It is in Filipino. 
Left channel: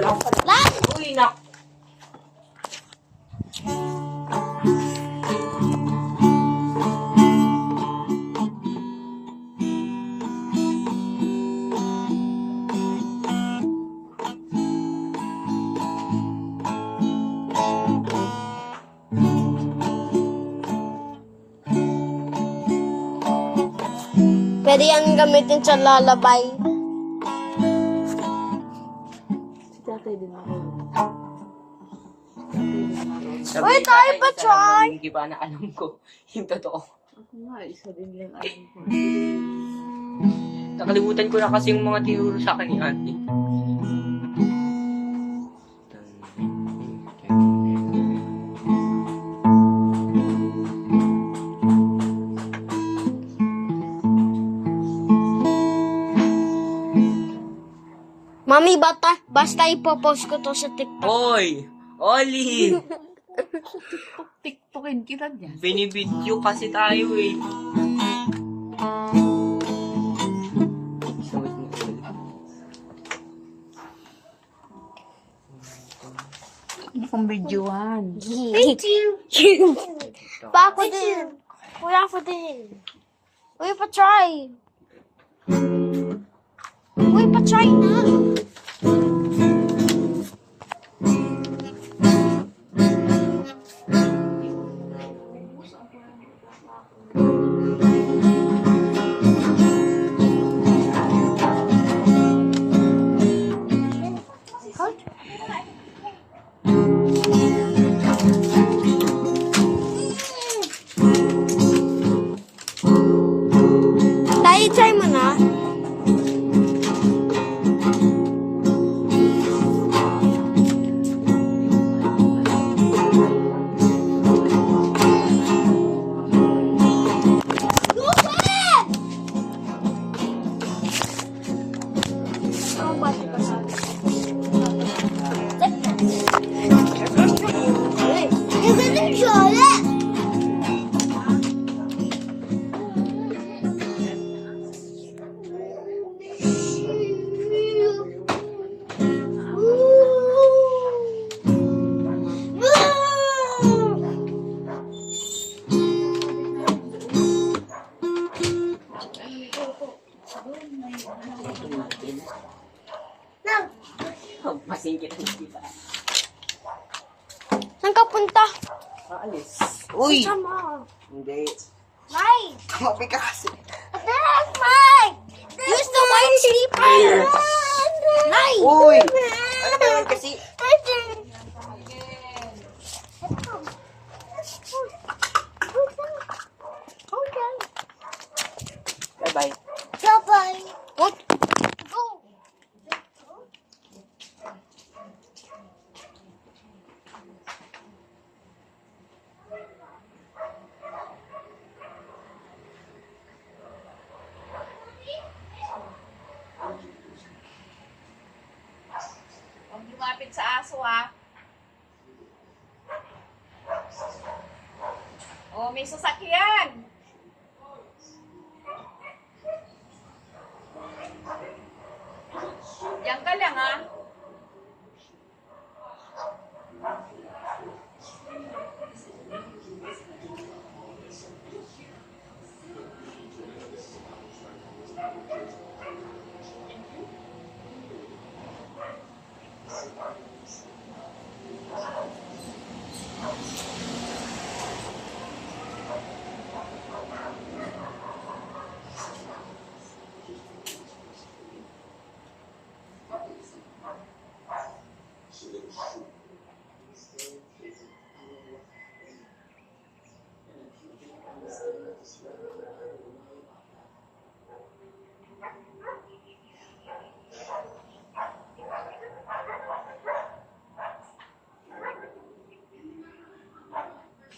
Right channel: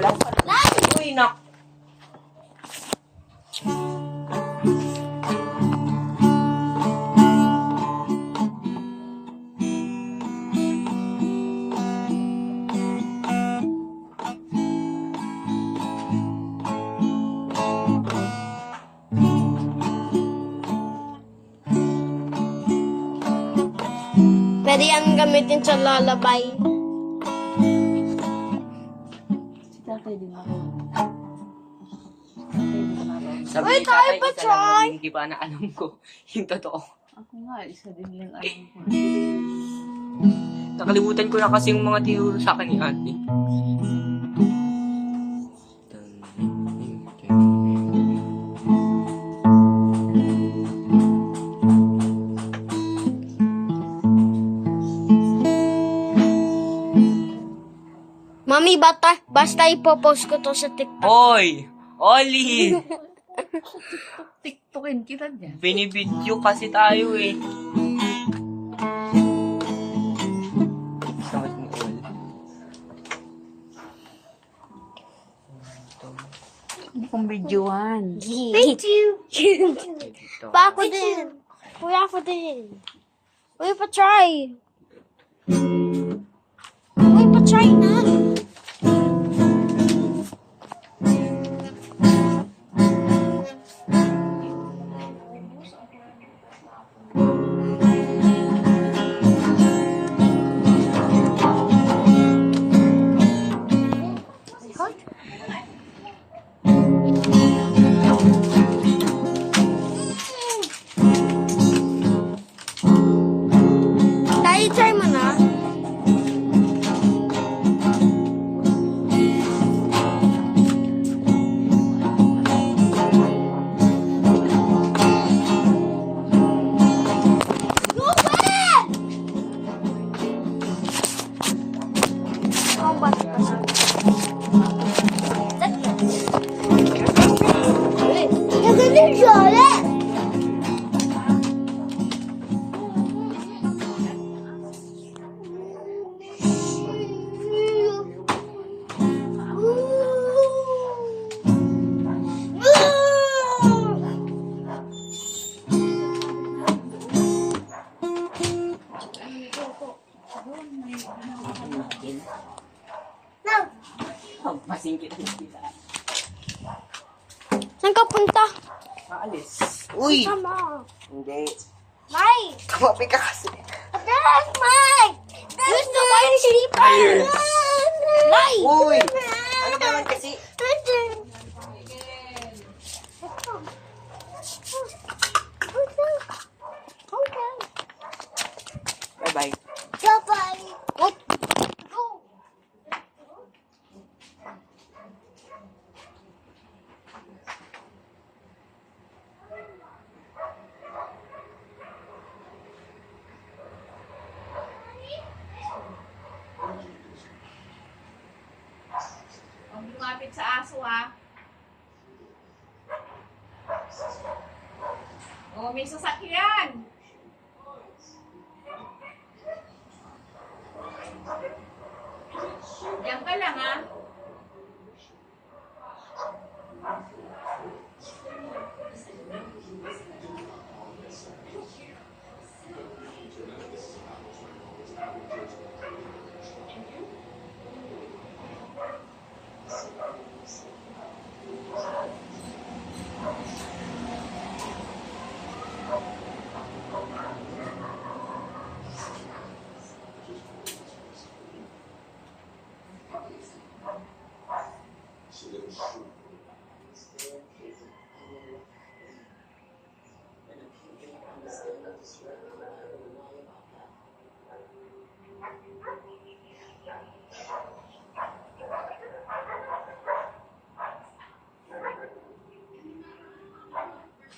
pala. Uy, nak. Pwede yan gamitin sa lalabay. Si tatay din ako. Sabi Uy, ni tayo tatay, pa, isa lang Chay. yung hindi pa na alam ko. Yung totoo. Ako nga, isa din lang alam ko. Nakalimutan ko na kasi yung mga tinuro sa akin ni ate. Mami, basta ipopost ko to sa TikTok. Hoy! Oli! Tiktokin kita dyan. Binibidyo kasi tayo eh. Hindi kong videoan. Thank you. Pa ako din. Kuya ako din. Uy, pa-try. Uy, pa-try na. Tayo, try mo na. How much was it? You're gonna enjoy it. Masingkit na kita. Saan ka punta? Maalis. Uy! Sama. Hindi. Mike! Kumapi ka kasi. Mike! Use the white slipper! Mike! Uy! Ano ba naman kasi? Bye-bye. Bye-bye. What? Go. Huwag lumapit sa aso, ha? Oh, may sasakyan. Diyan ka lang, ha? Should